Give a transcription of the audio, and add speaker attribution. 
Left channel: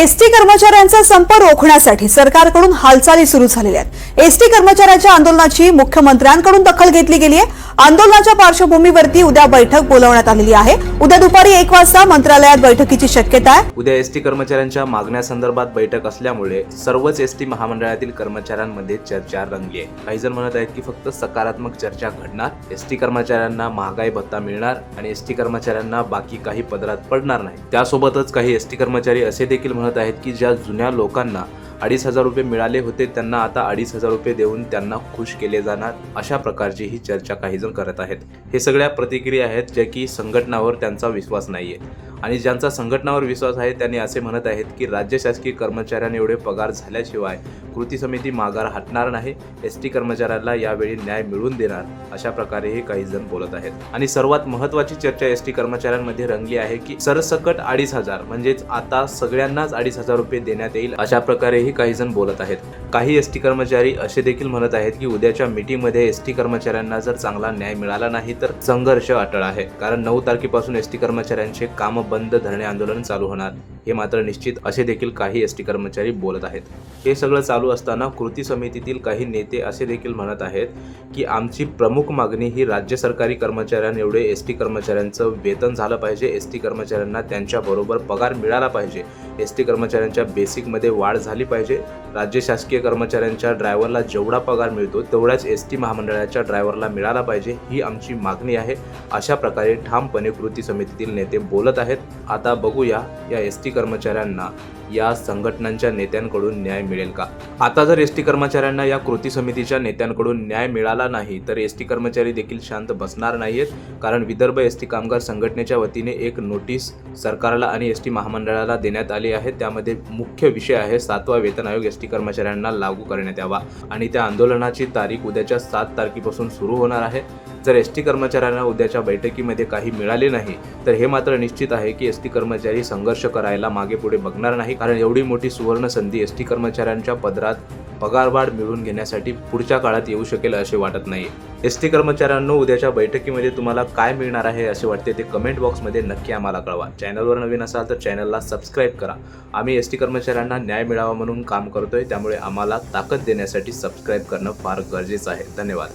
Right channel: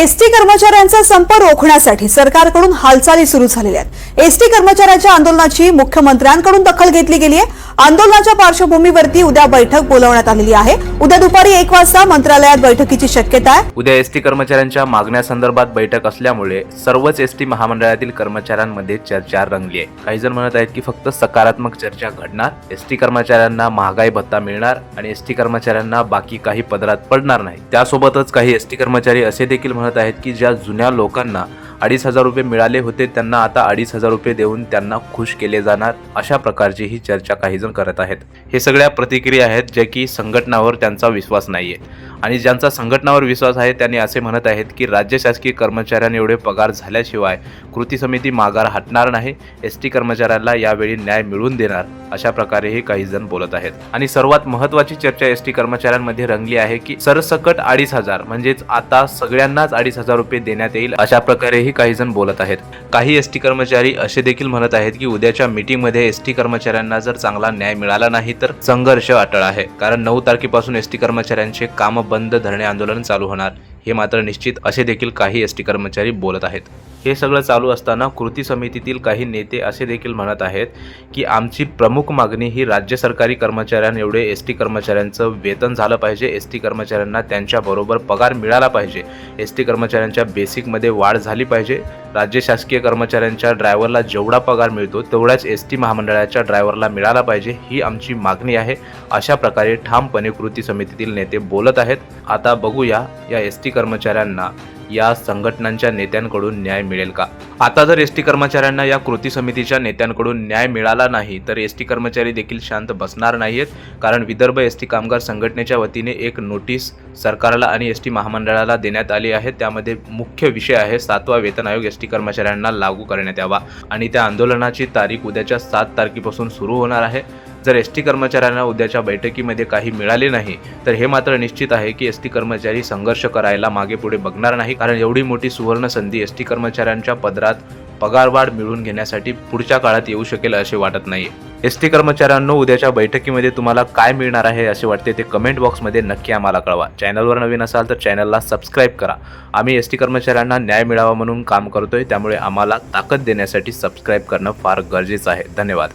Speaker 1: ST कर्मचाऱ्यांचा संप रोखण्यासाठी सरकारकडून हालचाली सुरू झालेल्या आहेत. एसटी कर्मचाऱ्यांच्या आंदोलनाची मुख्यमंत्र्यांकडून दखल घेतली गेली आहे. आंदोलनाच्या पार्श्वभूमीवरती उद्या बैठक बोलावण्यात आलेली आहे. उद्या दुपारी एक वाजता मंत्रालयात बैठकीची शक्यता आहे.
Speaker 2: उद्या एसटी कर्मचाऱ्यांच्या मागण्यासंदर्भात बैठक असल्यामुळे सर्वच एसटी महामंडळातील कर्मचाऱ्यांमध्ये चर्चा रंगली आहे. काही जण म्हणत आहेत की फक्त सकारात्मक चर्चा घडणार एसटी कर्मचाऱ्यांना महागाई भत्ता मिळणार आणि एसटी कर्मचाऱ्यांना बाकी काही पदरात पडणार नाही. त्यासोबतच काही एसटी कर्मचारी असे देखील म्हणत आहेत की ज्या जुन्या लोकांना अडीच हजार रुपये मिळाले होते त्यांना आता अडीच हजार रुपये देऊन त्यांना खुश केले जाणार अशा प्रकारची ही चर्चा काही जण करत आहेत. हे सगळ्या प्रतिक्रिया आहेत ज्या की संघटनावर त्यांचा विश्वास नाही आहे आणि ज्यांचा संघटनावर विश्वास आहे त्यांनी असे म्हणत आहेत की राज्य शासकीय कर्मचाऱ्यांना एवढे पगार झाल्याशिवाय कृती समिती माघार हटणार नाही एस टी कर्मचाऱ्यांना यावेळी न्याय मिळवून देणार अशा प्रकारेही काही जण बोलत आहेत. आणि सर्वात महत्वाची चर्चा एस टी कर्मचाऱ्यांमध्ये रंगली आहे की सरसकट अडीच हजार म्हणजेच आता सगळ्यांनाच अडीच हजार रुपये देण्यात येईल अशा प्रकारेही काही जण बोलत आहेत. काही एस टी कर्मचारी असे देखील म्हणत आहेत की उद्याच्या मीटिंगमध्ये एस टी कर्मचाऱ्यांना जर चांगला न्याय मिळाला नाही तर संघर्ष अटळ आहे. कारण नऊ तारखेपासून एस टी कर्मचाऱ्यांचे काम बंद धरणे आंदोलन चालू होणार. हे मात्र निश्चित असे देखील काही एस टी कर्मचारी बोलत आहेत. हे सगळं चालू असताना कृती समितीतील काही नेते असे देखील म्हणत आहेत की आमची प्रमुख मागणी ही राज्य सरकारी कर्मचाऱ्यांएवढे एस टी कर्मचाऱ्यांचं वेतन झालं पाहिजे. एस टी कर्मचाऱ्यांना त्यांच्याबरोबर पगार मिळाला पाहिजे. एस टी कर्मचाऱ्यांच्या बेसिकमध्ये वाढ झाली पाहिजे. राज्य शासकीय कर्मचाऱ्यांच्या ड्रायव्हरला जेवढा पगार मिळतो तेवढाच एस टी महामंडळाच्या ड्रायव्हरला मिळाला पाहिजे ही आमची मागणी आहे. अशा प्रकारे ठामपणे कृती समितीतील नेते बोलत आहेत. आता बघूया या एस टी कर्मचाऱ्यांना या संघटनांच्या नेत्यांकडून न्याय मिळेल का? आता जर एस टी कर्मचाऱ्यांना या कृती समितीच्या नेत्यांकडून न्याय मिळाला नाही तर एस टी कर्मचारी देखील शांत बसणार नाहीत कारण विदर्भ एस टी कामगार संघटनेच्या वतीने एक नोटीस सरकारला आणि एस टी महामंडळाला देण्यात आली आहे. त्यामध्ये मुख्य विषय आहे सातवा वेतन आयोग एस टी कर्मचाऱ्यांना लागू करण्यात यावा. आणि त्या आंदोलनाची तारीख उद्याच्या सात तारखेपासून सुरू होणार आहे. जर एस टी कर्मचाऱ्यांना उद्याच्या बैठकीमध्ये काही मिळाले नाही तर हे मात्र निश्चित आहे की एस टी कर्मचारी संघर्ष करायला मागे पुढे बघणार नाही कारण एवढी मोठी सुवर्ण संधी एस टी कर्मचाऱ्यांच्या पदरात पगारवाढ मिळवून घेण्यासाठी पुढच्या काळात येऊ शकेल असे वाटत नाही. एस टी कर्मचाऱ्यांनो उद्याच्या बैठकीमध्ये तुम्हाला काय मिळणार आहे असे वाटते ते कमेंट बॉक्समध्ये नक्की आम्हाला कळवा. चॅनलवर नवीन असाल तर चॅनलला सबस्क्राईब करा. आम्ही एस टी कर्मचाऱ्यांना न्याय मिळावा म्हणून काम करतोय त्यामुळे आम्हाला ताकद देण्यासाठी सबस्क्राईब करणं फार गरजेचं आहे. धन्यवाद.